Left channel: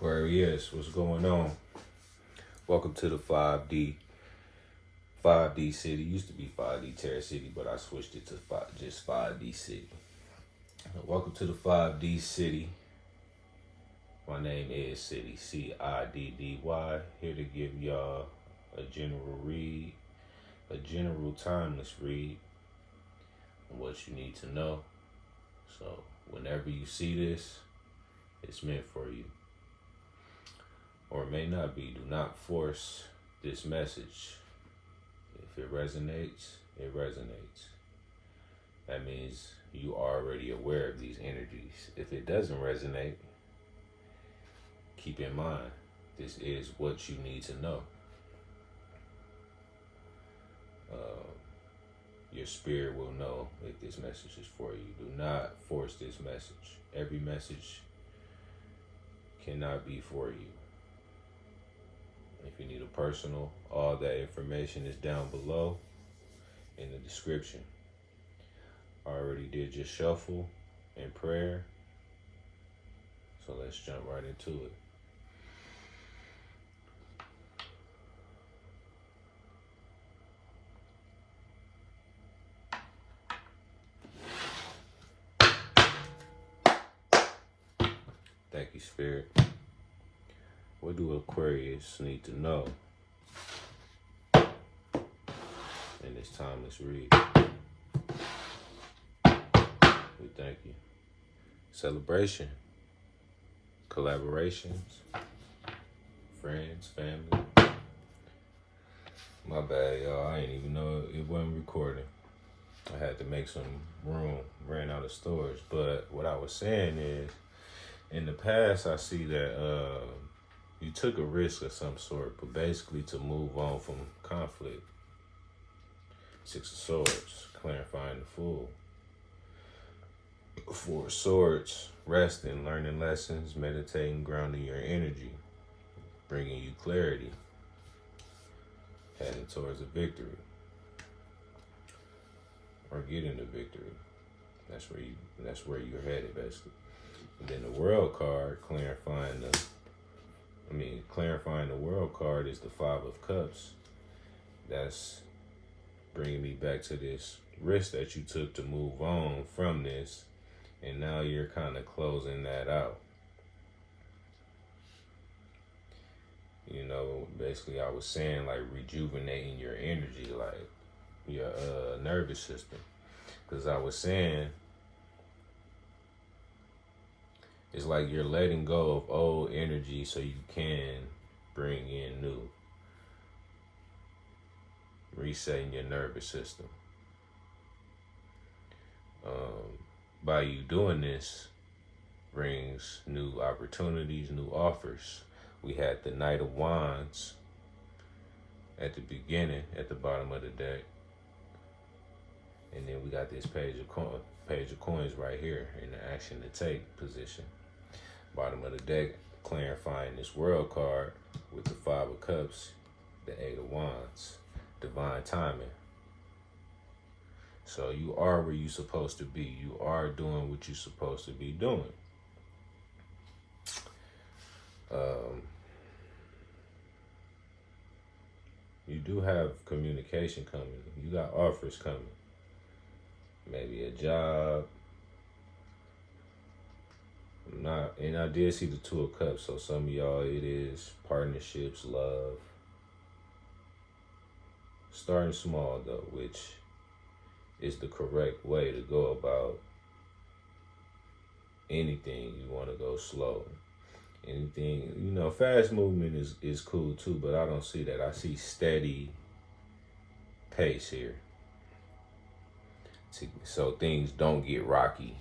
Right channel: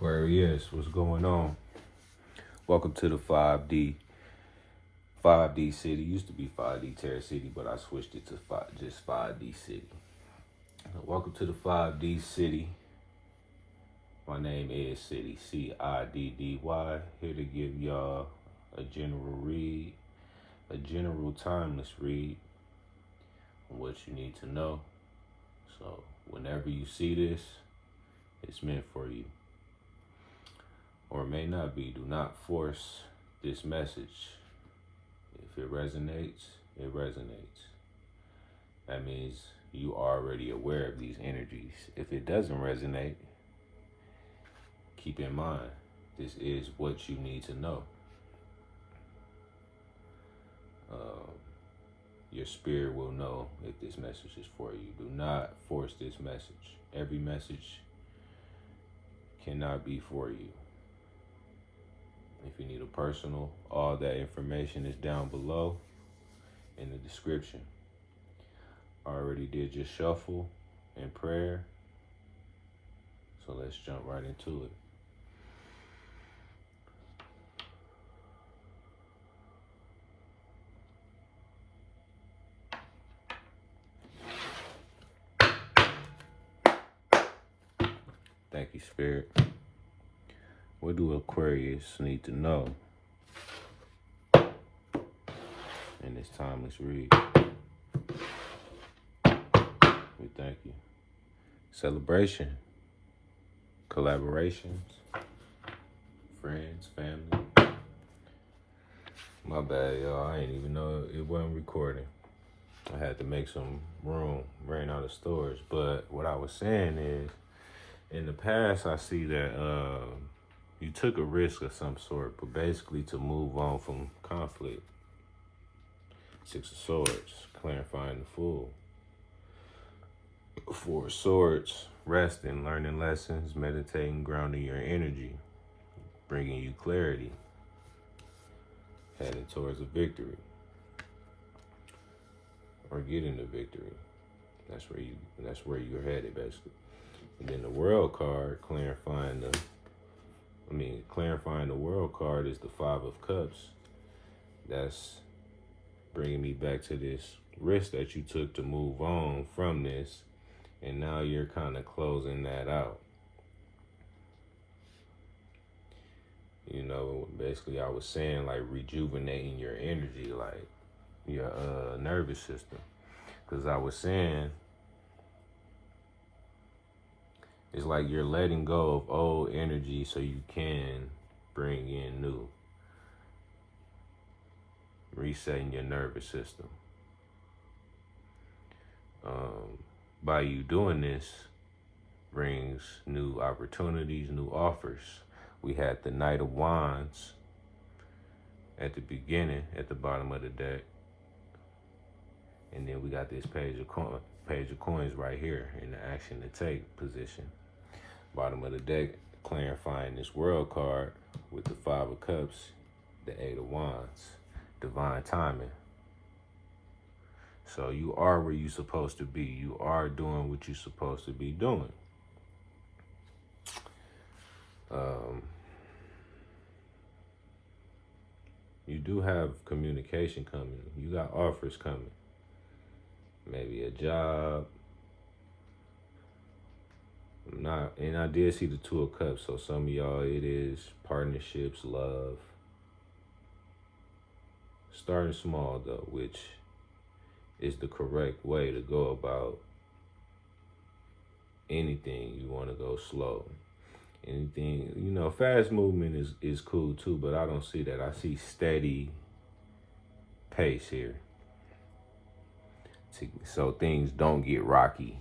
Aquarius, what's going on? Welcome to the 5D City. Used to be 5D Terror City, but I switched it to just 5D City. Welcome to the 5D City. My name is City, C-I-D-D-Y. Here to give y'all a general read, a general timeless read on what you need to know. So whenever you see this, it's meant for you. Or it may not be. Do not force this message. If it resonates, it resonates. That means you are already aware of these energies. If it doesn't resonate, keep in mind, this is what you need to know. Your spirit will know if this message is for you. Do not force this message. Every message cannot be for you. If you need a personal, all that information is down below in the description. I already did your shuffle and prayer, so let's jump right into it. Thank you, Spirit. What do Aquarius need to know in this timeless read? We thank you. Celebration, collaborations, friends, family. My bad, y'all. I didn't even know it wasn't recording. I had to make some room, ran out of storage. But what I was saying is, in the past, I see that you took a risk of some sort, but basically to move on from conflict. Six of Swords, clarifying the Fool. Four of Swords, resting, learning lessons, meditating, grounding your energy, bringing you clarity, heading towards a victory, or getting a victory. That's where you're headed, basically. And then the World card, clarifying the World card is the Five of Cups. That's bringing me back to this risk that you took to move on from this, and now you're kind of closing that out. You know, basically I was saying like rejuvenating your energy, like your nervous system. Because I was saying, it's like you're letting go of old energy so you can bring in new. Resetting your nervous system. By you doing this, brings new opportunities, new offers. We had the Knight of Wands at the beginning, at the bottom of the deck. And then we got this Page of Coins right here in the action to take position. Bottom of the deck, clarifying this World card with the Five of Cups, the Eight of Wands, divine timing. So you are where you're supposed to be. You are doing what you're supposed to be doing. You do have communication coming. You got offers coming. Maybe a job. And I did see the Two of Cups. So some of y'all, it is partnerships, love. Starting small though, which is the correct way to go about anything. You want to go slow. Anything, you know, fast movement is cool too, but I don't see that. I see steady pace here. So things don't get rocky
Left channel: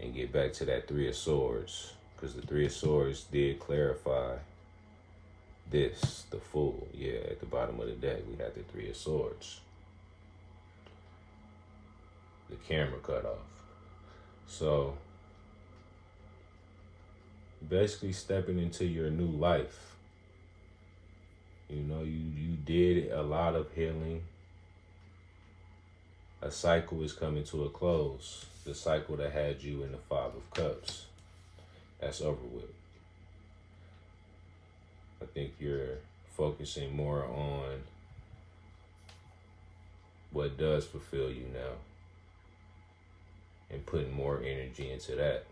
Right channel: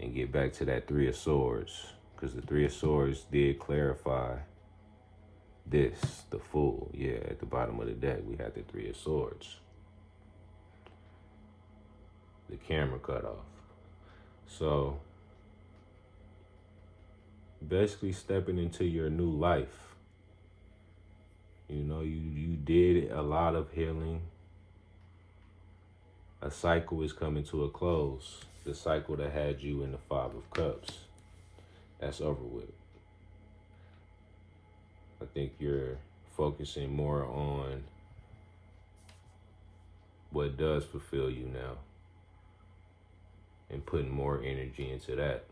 and get back to that Three of Swords. Because the Three of Swords did clarify this, the Fool. Yeah, at the bottom of the deck, we had the Three of Swords. The camera cut off. So basically stepping into your new life. You know, you did a lot of healing. A cycle is coming to a close. The cycle that had you in the Five of Cups. That's over with. I think you're focusing more on what does fulfill you now and putting more energy into that,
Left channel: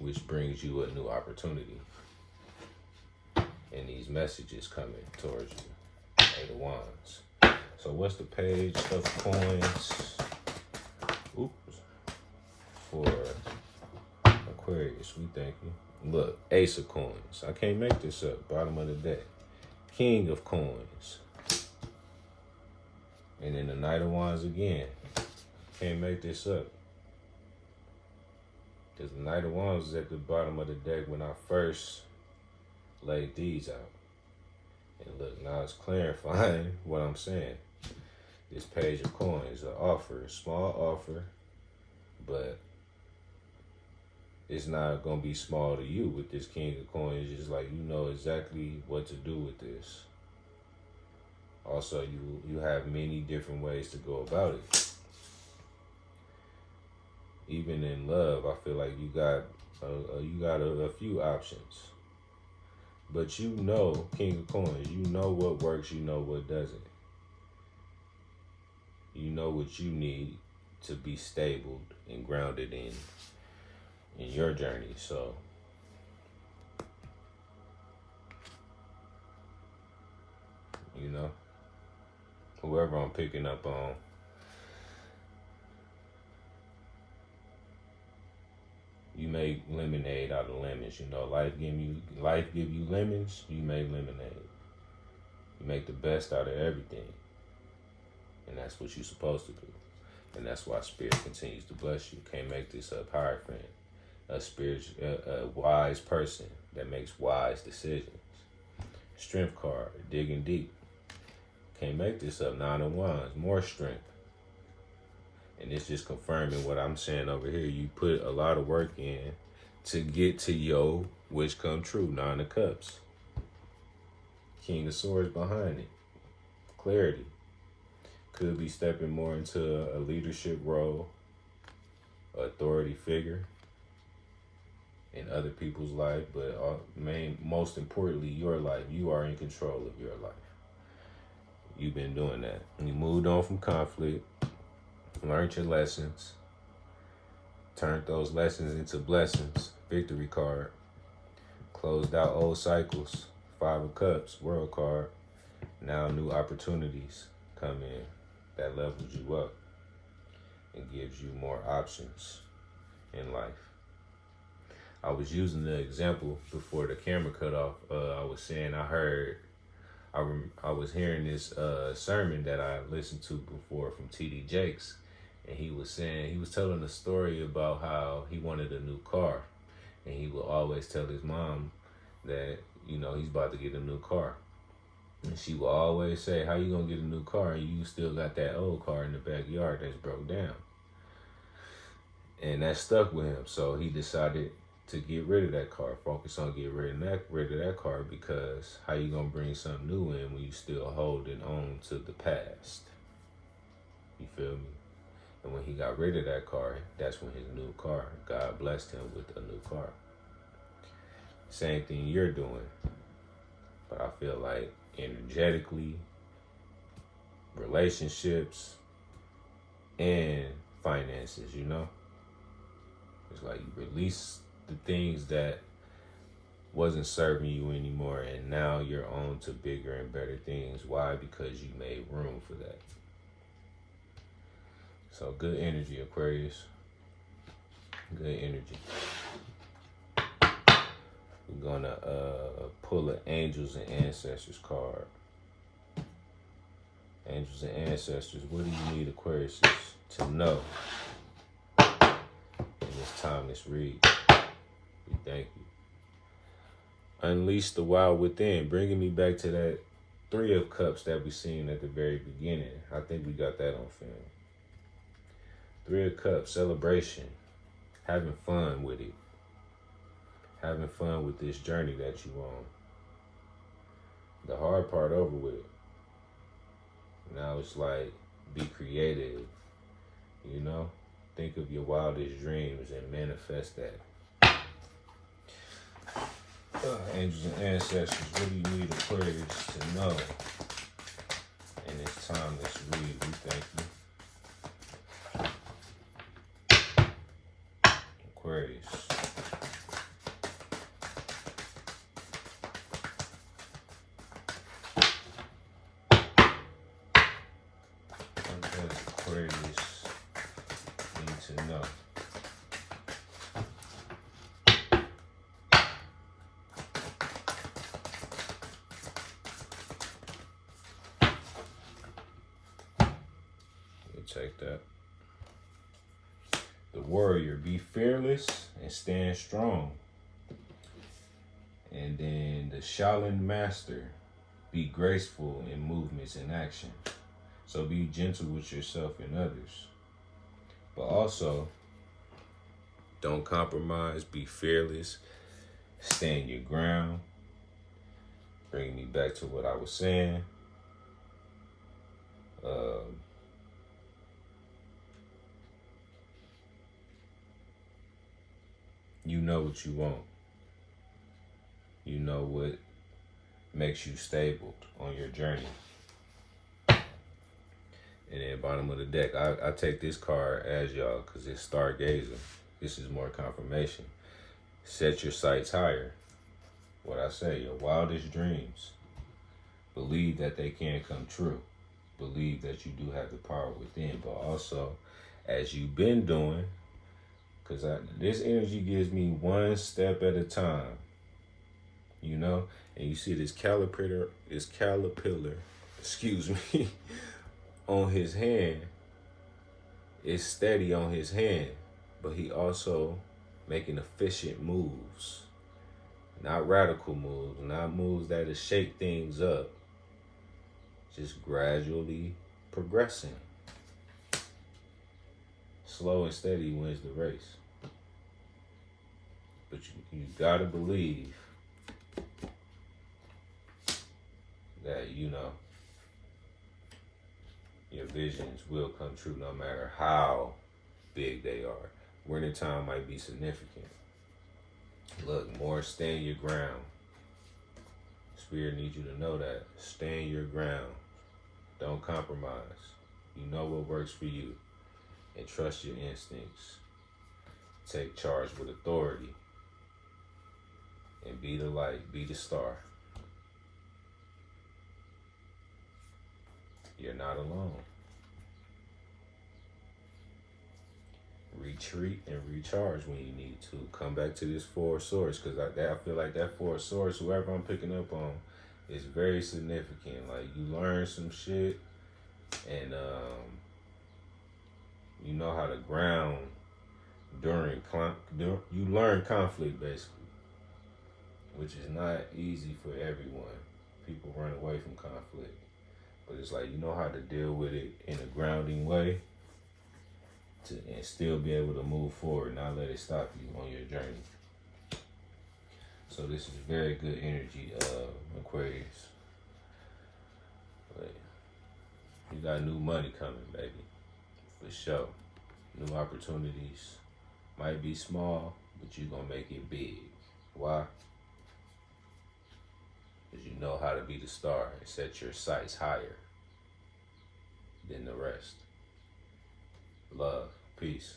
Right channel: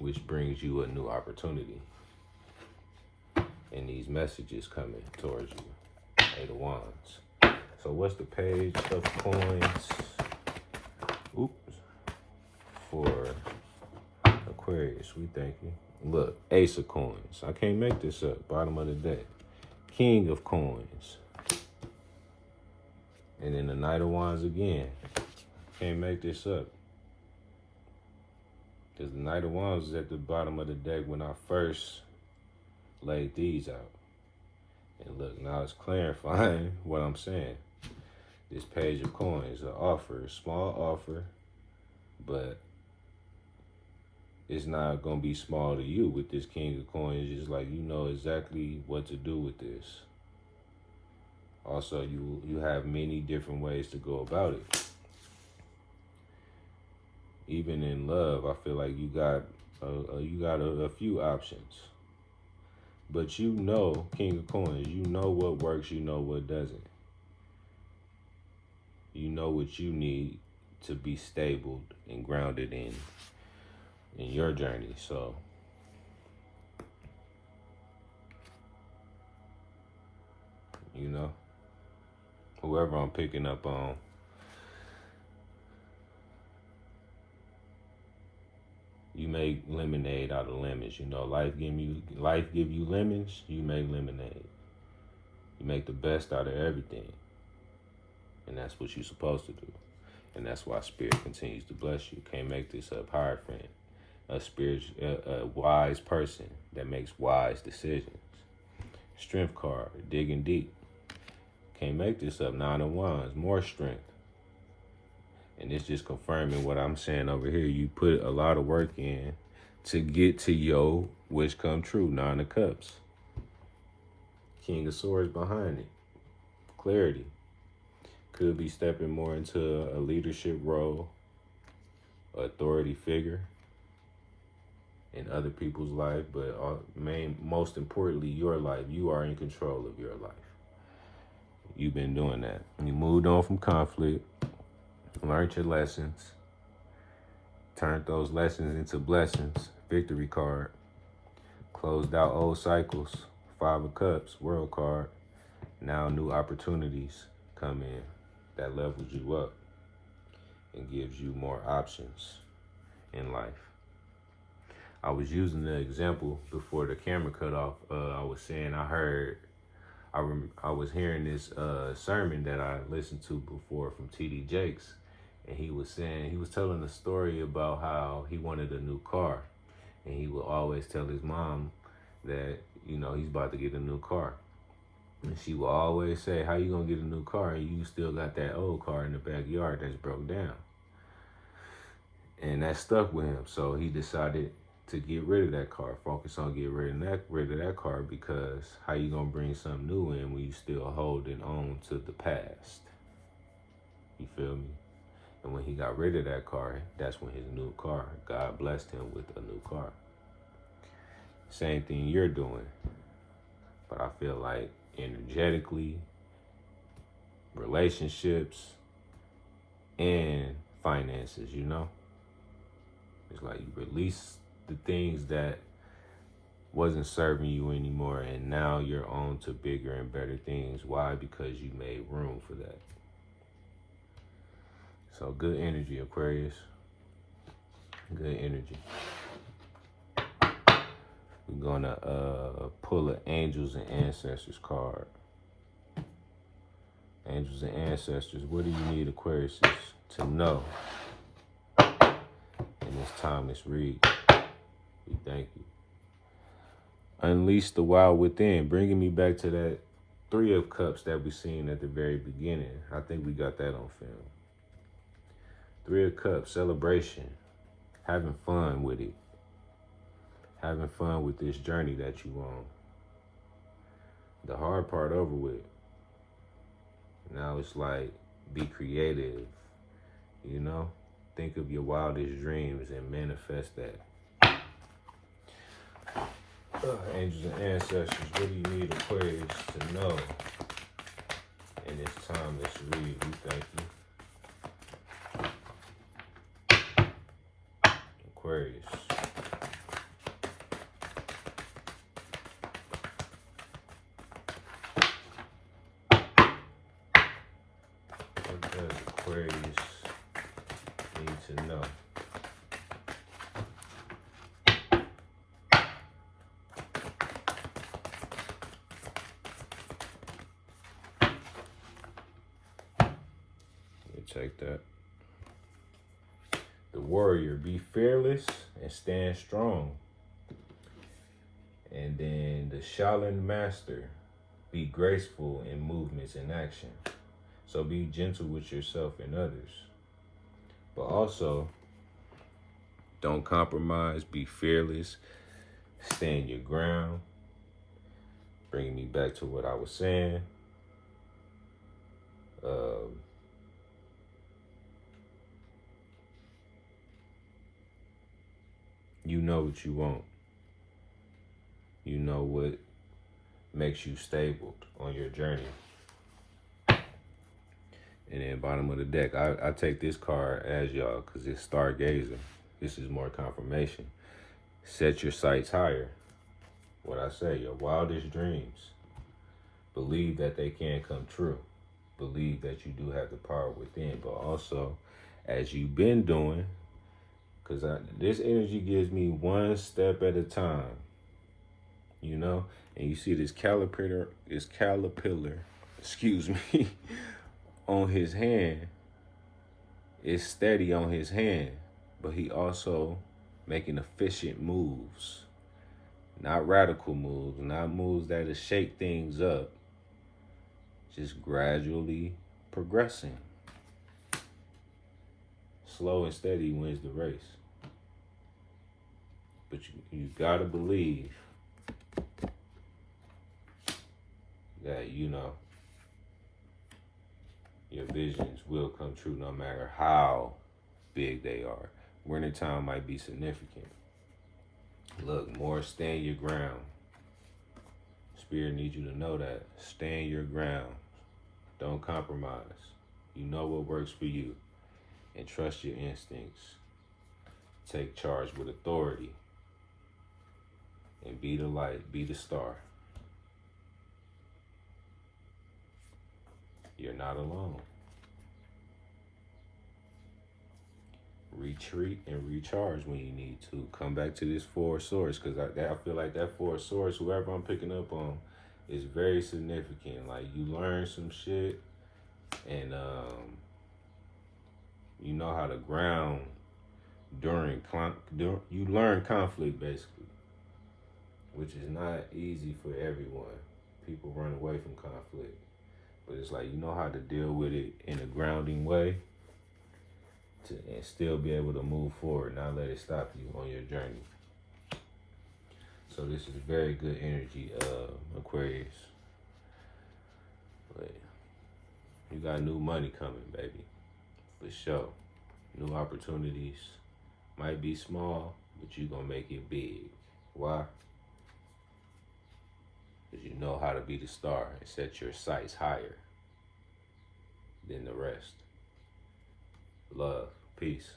which brings you a new opportunity. And these messages coming towards you. Eight of Wands. So what's the page of coins? Oops. For Aquarius, we thank you. Look, Ace of Coins. I can't make this up. Bottom of the deck. King of Coins. And then the Knight of Wands again. Can't make this up. Because the Knight of Wands is at the bottom of the deck when I first laid these out. And look, now it's clarifying what I'm saying. This Page of Coins, an offer, a small offer, but it's not going to be small to you with this King of Coins. It's like you know exactly what to do with this. Also, you have many different ways to go about it. Even in love, I feel like you got a few options. But you know, King of Coins, you know what works, you know what doesn't. You know what you need to be stable and grounded in your journey. So you know, whoever I'm picking up on, you make lemonade out of lemons. You know, life give you lemons, you make lemonade. You make the best out of everything. And that's what you're supposed to do. And that's why Spirit continues to bless you. Can't make this up. Hierophant, a wise person that makes wise decisions. Strength card, digging deep. Can't make this up. Nine of Wands, more strength. And it's just confirming what I'm saying over here. You put a lot of work in to get to your wish come true. Nine of Cups. King of Swords behind it. Clarity. Could be stepping more into a leadership role, authority figure in other people's life, but most importantly, your life. You are in control of your life. You've been doing that. You moved on from conflict, learned your lessons, turned those lessons into blessings. Victory card. Closed out old cycles. Five of Cups, World card. Now new opportunities come in. That levels you up and gives you more options in life. I was using the example before the camera cut off. I was saying I was hearing this sermon that I listened to before from T.D. Jakes, and he was telling a story about how he wanted a new car, and he would always tell his mom that he's about to get a new car. And she will always say, how you gonna get a new car and you still got that old car in the backyard that's broke down? And that stuck with him. So he decided to get rid of that car, focus on getting rid of that car, because how you gonna bring something new in when you still holding on to the past? You feel me? And when he got rid of that car, that's when his new car, God blessed him with a new car. Same thing you're doing. But I feel like energetically, relationships, and finances, it's like you release the things that wasn't serving you anymore, and now you're on to bigger and better things. Why? Because you made room for that. So good energy, Aquarius. Good energy. We're gonna pull an Angels and Ancestors card. Angels and Ancestors, what do you need, Aquarius, to know in this timeless read? We thank you. Unleash the wild within, bringing me back to that Three of Cups that we seen at the very beginning. I think we got that on film. Three of Cups, celebration, having fun with it. Having fun with this journey that you on. The hard part over with. Now it's like, be creative, Think of your wildest dreams and manifest that. Angels and ancestors, what do you need Aquarius to know in this timeless read? We thank you. Aquarius. What does Aquarius need to know? Take that. The warrior, be fearless and stand strong. And then the Shaolin master, be graceful in movements and action. So be gentle with yourself and others. But also, don't compromise, be fearless, stand your ground. Bringing me back to what I was saying. You know what you want. You know what makes you stable on your journey. And then bottom of the deck, I take this card as y'all because it's stargazing. This is more confirmation. Set your sights higher. What I say, your wildest dreams. Believe that they can come true. Believe that you do have the power within, but also, as you've been doing, because this energy gives me one step at a time, you know? And you see this caterpillar, excuse me, on his hand. It's steady on his hand, but he also making efficient moves. Not radical moves, not moves that'll shake things up. Just gradually progressing. Slow and steady wins the race. But you gotta believe that, you know, your visions will come true no matter how big they are. Winter time might be significant. Look, more stand your ground. Spirit needs you to know that. Stand your ground. Don't compromise. You know what works for you. And trust your instincts. Take charge with authority. And be the light, be the star. You're not alone. Retreat and recharge when you need to. Come back to this Four of Swords, because I feel like that Four of Swords, whoever I'm picking up on, is very significant. Like, you learn some shit, and you know how to ground during you learn conflict, basically, which is not easy for everyone. People run away from conflict, but it's like, you know how to deal with it in a grounding way and still be able to move forward, not let it stop you on your journey. So this is very good energy, Aquarius. But you got new money coming, baby, for sure. New opportunities might be small, but you gonna make it big. Why? Because you know how to be the star and set your sights higher than the rest. Love, peace.